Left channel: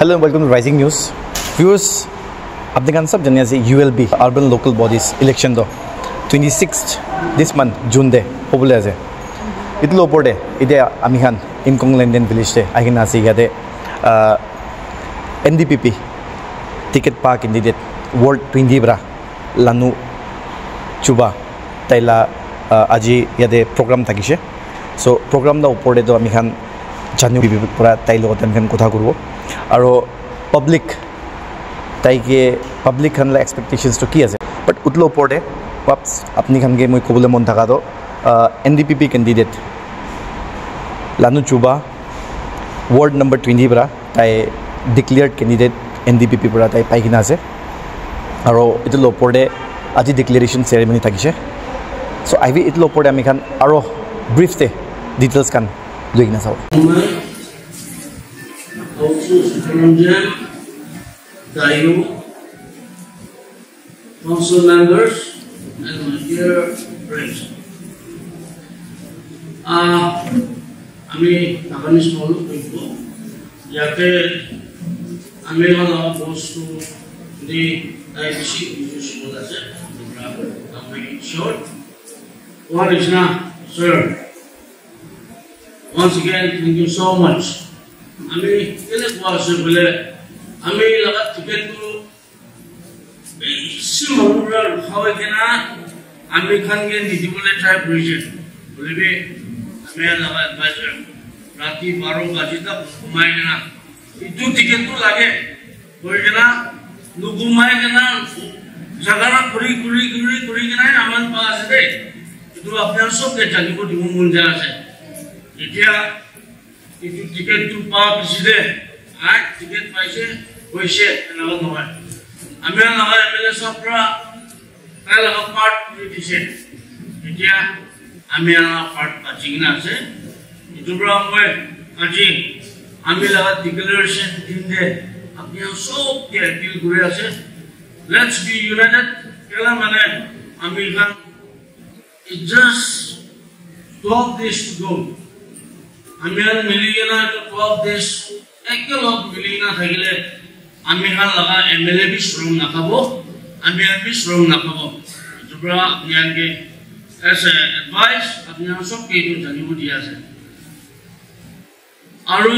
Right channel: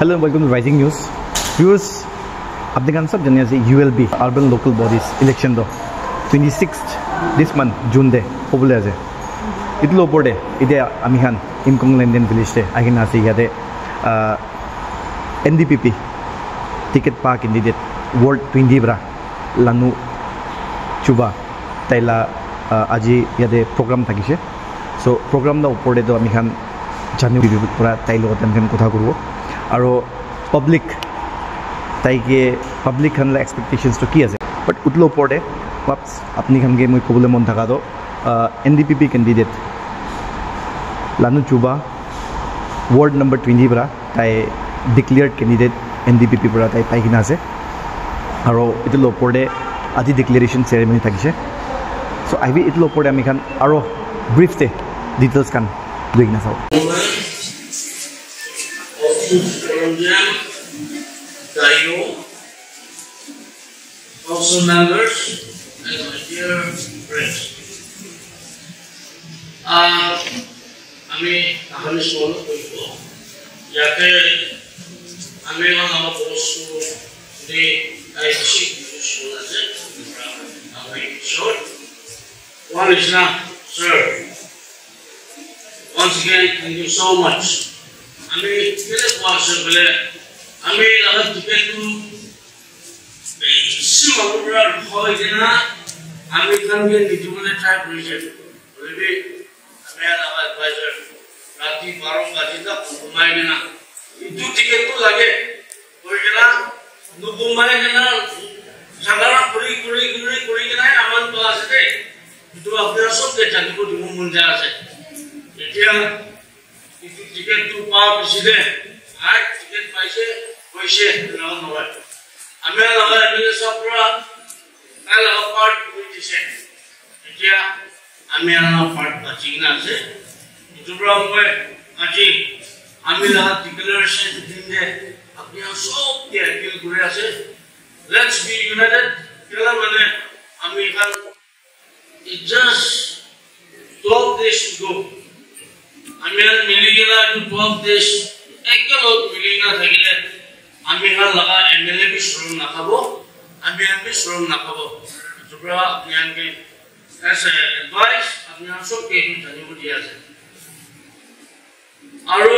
Hello and welcome to Rising News. Viewers, apne kan sab jane ase ULB Urban Local Bodies election do 26th this month June de hobole ase. Itlo opor de ide ami khan Imkong Lenden village de agina ase yade NDPP ticket pa candidate Ward 20 bra Lanu Chuba taila aji yade program thakise. So program da opor de do ami khan janu bibi pura tailo tan khan kotha korbo aro public taike public khan la expectations to ki ase but utlo opor de paps apni khan ge moi kobole mon thaka do NDPP candidate Lanu Chuba ward number 20 bra tai declared candidate NDPP bra tai pai kina ase aro itlo opor de aji declaration ceremony thakise. So I will itlo opor de ami khan aro brief te details kan doina sao council members and my dear friends. আমি আগামী সমালো কৰিব ইয়াতে আমি হলা বস্তু দি আইসি use আছে আমি short one is now sir once again thank you so much আমি কেলে কোয়াছে বলে আমি লাগা টিকেট টু সিমুলার হয় কিনা আমি খানকে নিজে ট্রাই করেছি বলবি আমি লাগা অ্যাডভাইজার রাতি 12 বাজে তক ঘুমায় না ইটু টিকেট তো লাগে বলছিলা নু ঘুমায় না জায়গা করি কিনা আমার পাস আছে ইটু আপনারা সবকে জানিব দিব মন যা আছে এতিয়া ইটু টিকেট টু পাওয়া পিছলে আর টিকেট পাইছে হইছে নাও নয় আমি লাগা এমএলএ সবরা কালা পার্ট করে দিছে এতিয়া আমি পার্ট পাচ্ছি না আছে ইটু ব্রাহ্মণ আজি আমি লাগা ডিক্লারেশন দিন দে আপনি সবকে অ্যাপিল করে আছে লেটস বি ইউনাইটেড কেলা মানে আমি খান it just 12 days to go আমি আর মিলি গেলা 12 days একলো মিলি না থাকলে আমি হাল লাগা এমএলএ বি শ্রম না খাবো আমি বি শ্রম না খাবো তোমরা জ্ঞানকে as a advice আপনি সবকে জানিব দিয়া আছে আৰু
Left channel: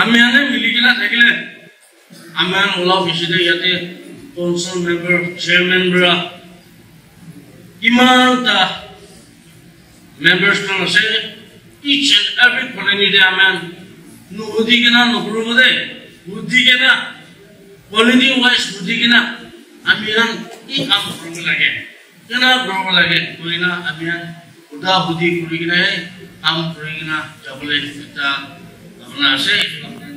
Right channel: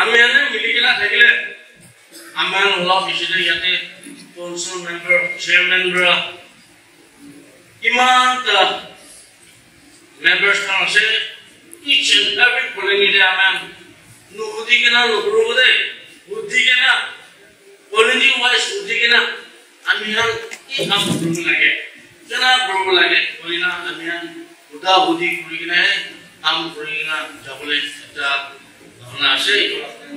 আমি আর মিলি গেলা থাকলে আমার ওলাফ হিসেবে ইয়াতে কাউন্সিল মেম্বার চেয়ারম্যান বরা ইমানটা মেম্বার্স kan আছে each and every colony de aman nu udigena no grubode udigena colony wise udigena amian I kam grubu lage kena grubu lage koina amian uda budi kurigena kam kurigena jabole ta na ase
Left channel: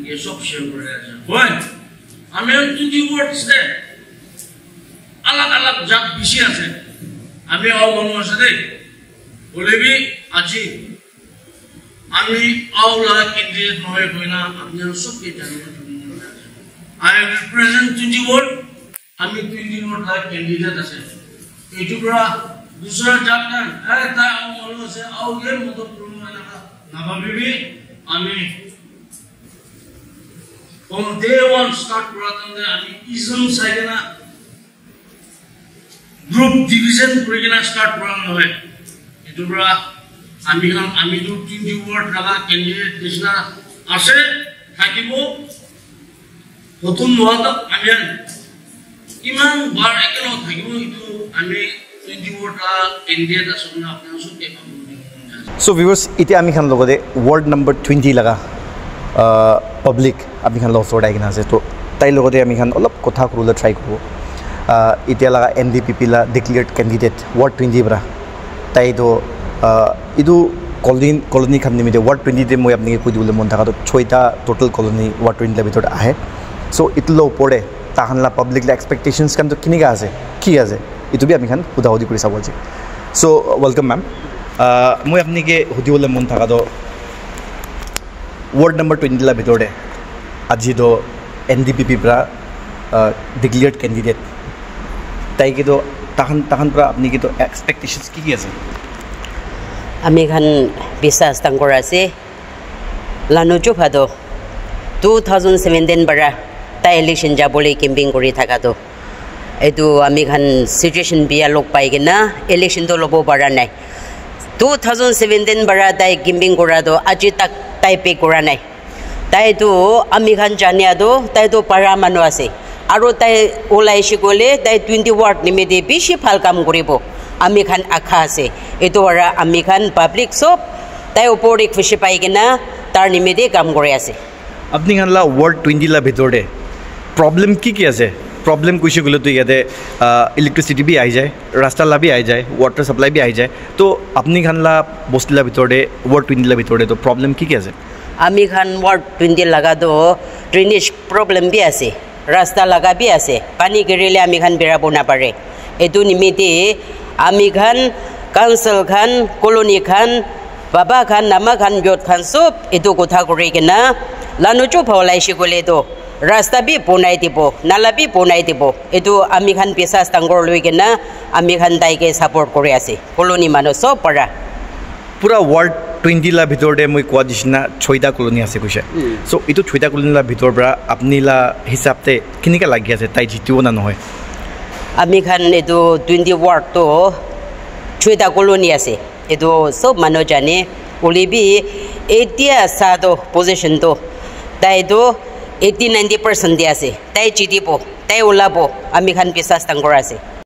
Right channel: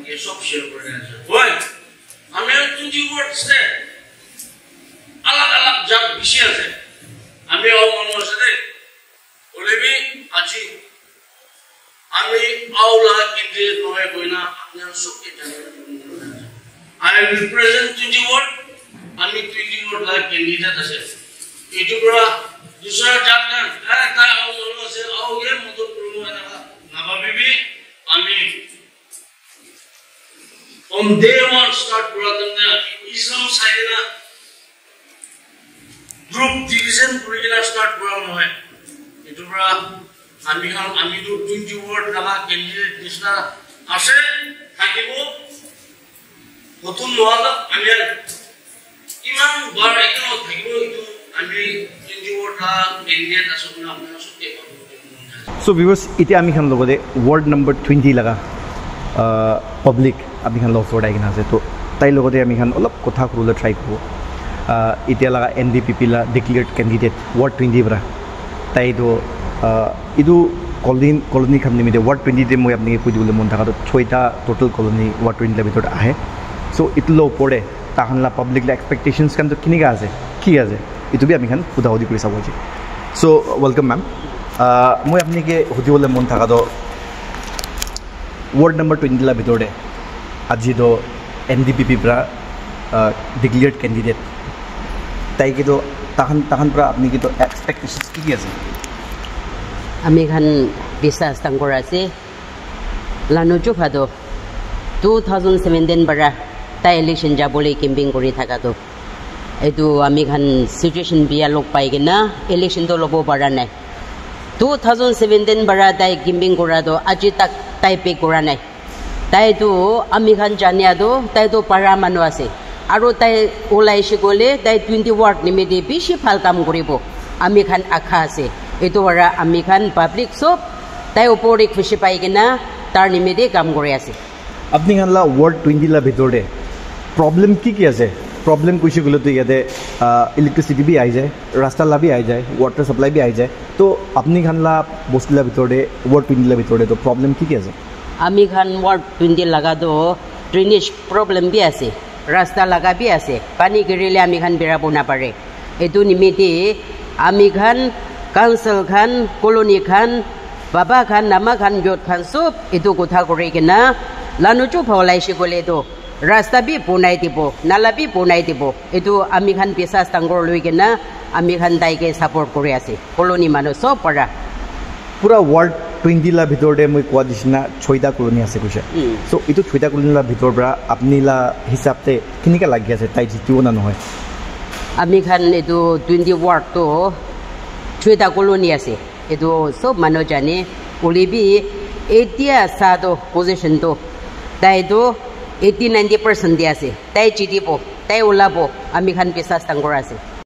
ke sob share kore ase boy amian 20 words de alag jat bishi ase আমি আও মন আছে দে বলেবি আজি আমি আওলা candidate নয় কইনা আপনারা সবকে জানেন আই উইল প্রেজেন্ট 20 ওয়ার্ড আমি 20 ওয়ার্ড লা ক্যান্ডিডেট আছে এটুকুরা দুসরা জাতন আরে তা আও মন আছে আও গে মত প্রমো না ভাবিবি আমি from day one start করাতাম দে আমি ইজম সাইডেনা গ্রুপ ডিভিশন করে কিনা স্টার্ট করা হয় এটুকুরা আমি তো 20 ওয়ার্ড লাগা ক্যান্ডিডেট নিছনা আছে থাকিব নতুন নোয়াদা আমি ইমান বার একলো থাকিব এটু আমি 20 ওয়ার্ড ক্যান্ডিডেট আছে আপনারা সবকে So viewers ite ami khan logode ward number 20 laga public ami khan log sort agina ase to tai logode ami khan olop kotha kurula try korbo इतिया लगा NDPP ला declared candidate ward 20 बरा ताई दो इदु colony खन्ने में ward 20 दे मोय अपने कोई दुले मन था तो छोटा total colony ward 20 ला बितर आहे so इतलो पड़े ताहनला public ला expectations kan तो किनी का आसे की आसे इतु भी आमी खान उदाहदी करि साबो जी so welcome ma'am मोय अपने के हुदी बोले मन था तो ward number 20 ला बितर दे আজি दो NDPP बरा declared candidate তাই কিন্তু তাহান পৰা আপনি কিন্তু এক্সপেক্টেশনস কি আছে আমি খান বিশ্বাস তাং কৰা আছে লানু চুফাদো 2017 bara ta election jabole camping kori thaka to etu ami khan situation bia lok pai gena election to lobo bara nai 2017 bara tai camping kora do aji tak tai pe kora nai tai tu ami khan jania do tai to para manu ase aro tai olai shikole tai 20 ward nimede bishi phal kam koribo ami khan akha ase etu ora ami khan public sob tai opori khushi pai gena tar nimede kam kore ase আপনি খানলা word 20 লা ভিতরে problem কি আছে problem কইছে গলে তো ইয়াতে electricity B আই যায় রাস্তা লাবি আই যায় ওয়াটার সাপ্লাই বি আই যায় তো আপনি খানলা বস্তিলা ভিতরে ওয়ার্ড 20 লা ভিতরে তো প্রবলেম কি আছে আমি খান ওয়ার্ড 20 লাগা তো ড্রেনেজ প্রবলেম বি আছে রাস্তা লাগা বি আছে পানি গেরিলে আমি খান বেরাবো না পারে এতু নিমিতে আমি খান কাউন্সিল খান কলোনি খান বাবা খান নামা খান জট খান সব এতু কথা করে কিনা লানো চো ফলাই শিকলে তো রাস্তা বি পোনাই দিব নালা বি পোনাই দিব এতু আমি খান পেশা স্থাঙ্গর লই কিনা আমি খান তাইকে সাপোর্ট করে আছে কলোনি মানুষ সব পড়া পুরা ওয়ার্ড 20 লা ভিতরে মই কোয়া দিছিনা 6টা কলোনি আছে কইছে সো ইটো 6টা কলোনি লা ভিতর পৰা আপনি লা হিসাবতে কিনিকা লাগি আছে তাই জিতিও না নহয় আমি খান এতু 20 ওয়ার্ড তো 6টা কলোনি আছে এতু সব মানুষ জানে ওলিবি এতিয়া সাদো পজিশন তো তাই তো 80-90% দিয়ে আছে তাই জিতিব তাই ওলাব আমি খান বিশ্বাস তাঙ্গৰ আছে